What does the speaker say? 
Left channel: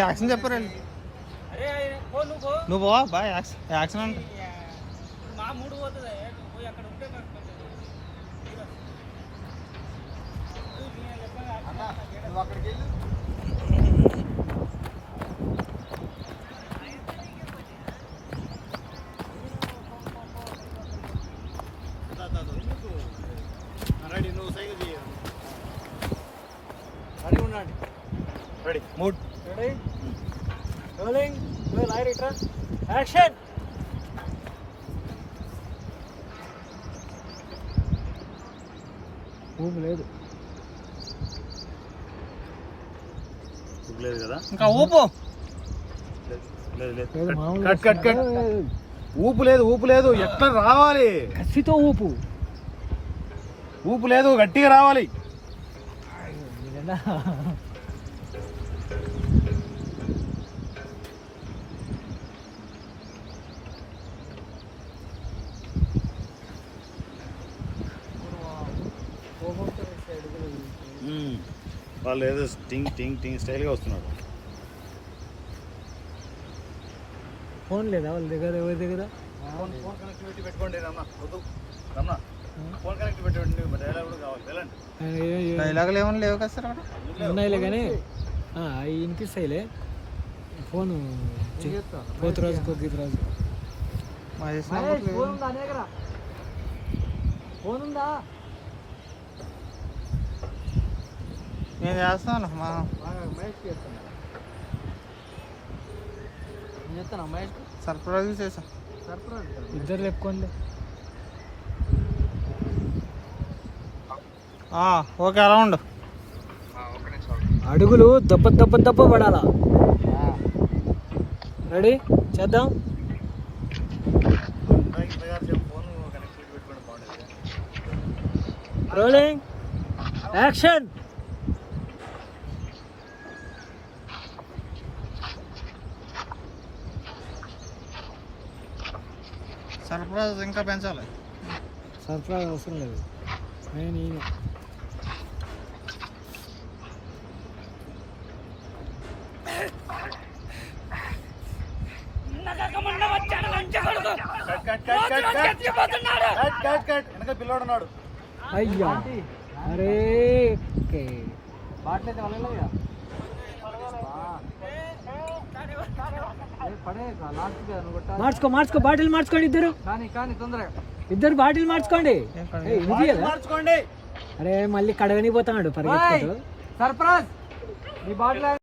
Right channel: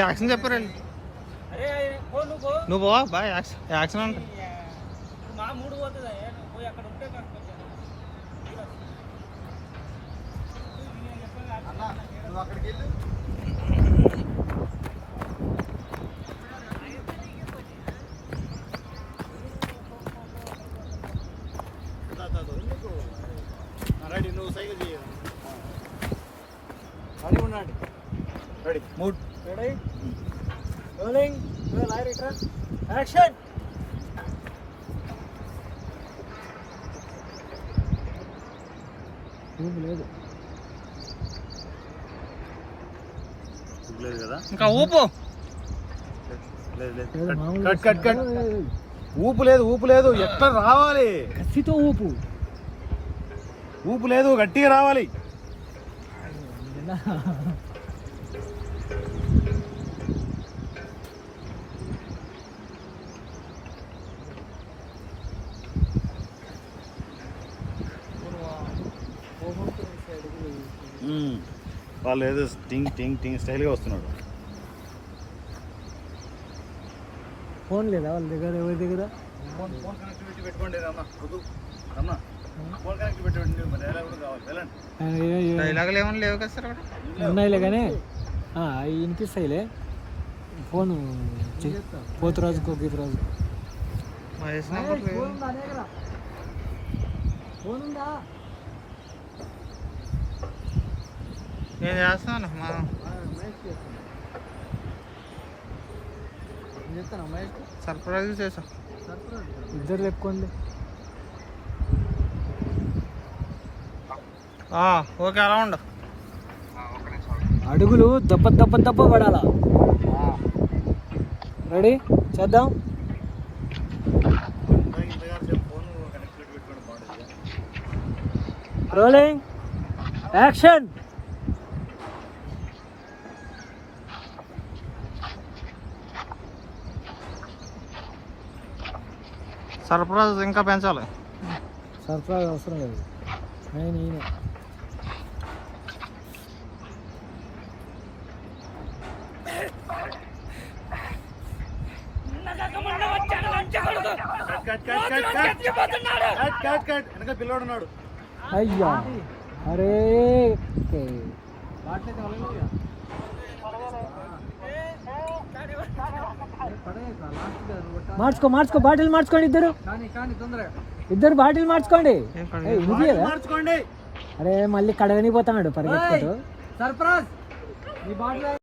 Action చెప్పారు. నువ్వు పోవా బాయ్ యాక్షన్ అంటే మా మూడు పోతుంది. నువ్వు పోయి అక్కడ ఉంటే రెడీ, నువ్వు సైకిల్ చేయ. రెడీ ఉండండి. Ready, mood ready, rolling, light return, action. ఊపు లేదు కదా, ఇంకా ఊపు ఊపు లేదు, ఊపు లేదు. ఎట్లా రావాలి? కసితో ఊపు. ఊపు లేదు, గట్టిగా రావాలి. వాళ్ళు ఏదో టింగ్ టింగ్ టింగ్ స్టైల్గా వస్తున్నాడు. ఫోన్ లేదా వాళ్ళ దగ్గర? ఎవరి దగ్గర? ఫోన్ కనెక్టివిటీ పెట్టుకోండి రమ్మ. వద్దు రమ్మ, ఫోన్ కనెక్టివిటీ పెట్టుకోండి. డైలాగ్ కూడా కావాలి. వెళ్ళండి. డైలాగులు ఏమైనా లేవు కదా సార్ అక్కడ? ఉన్నాయిలే కానీ అవి వినిపిస్తాయిలే. ఫోన్ పోతురాజుకో గీతరాజుకో. ఫోన్ ఉందా? నేను చేస్తాను. సర్ప్రైజ్ చేసా. ఇద్దరు లేపుకోండి. ఓకే అలా ఉండు. అడుగులు దెబ్బ దెబ్బ దెబ్బ పడాలా. రెడీ చేద్దాం. Rolling, action. సర్ప్రైజ్ ఇంకా పెంచాలి. సర్ప్రైజ్ అవసరం లేదు. నేను ఈయన పిల్లడున్నాడు. అయ్యా అరే మార్చుకో మార్చుకో. బాటిల్ మార్చుకోండి ఇద్దరు. ఇద్దరు బాటిల్ మార్చుకోండి. అరే మళ్ళీ కడగని పోతాడు పరిగెత్తుకుంటూ. సర్ప్రైజ్. Me bottle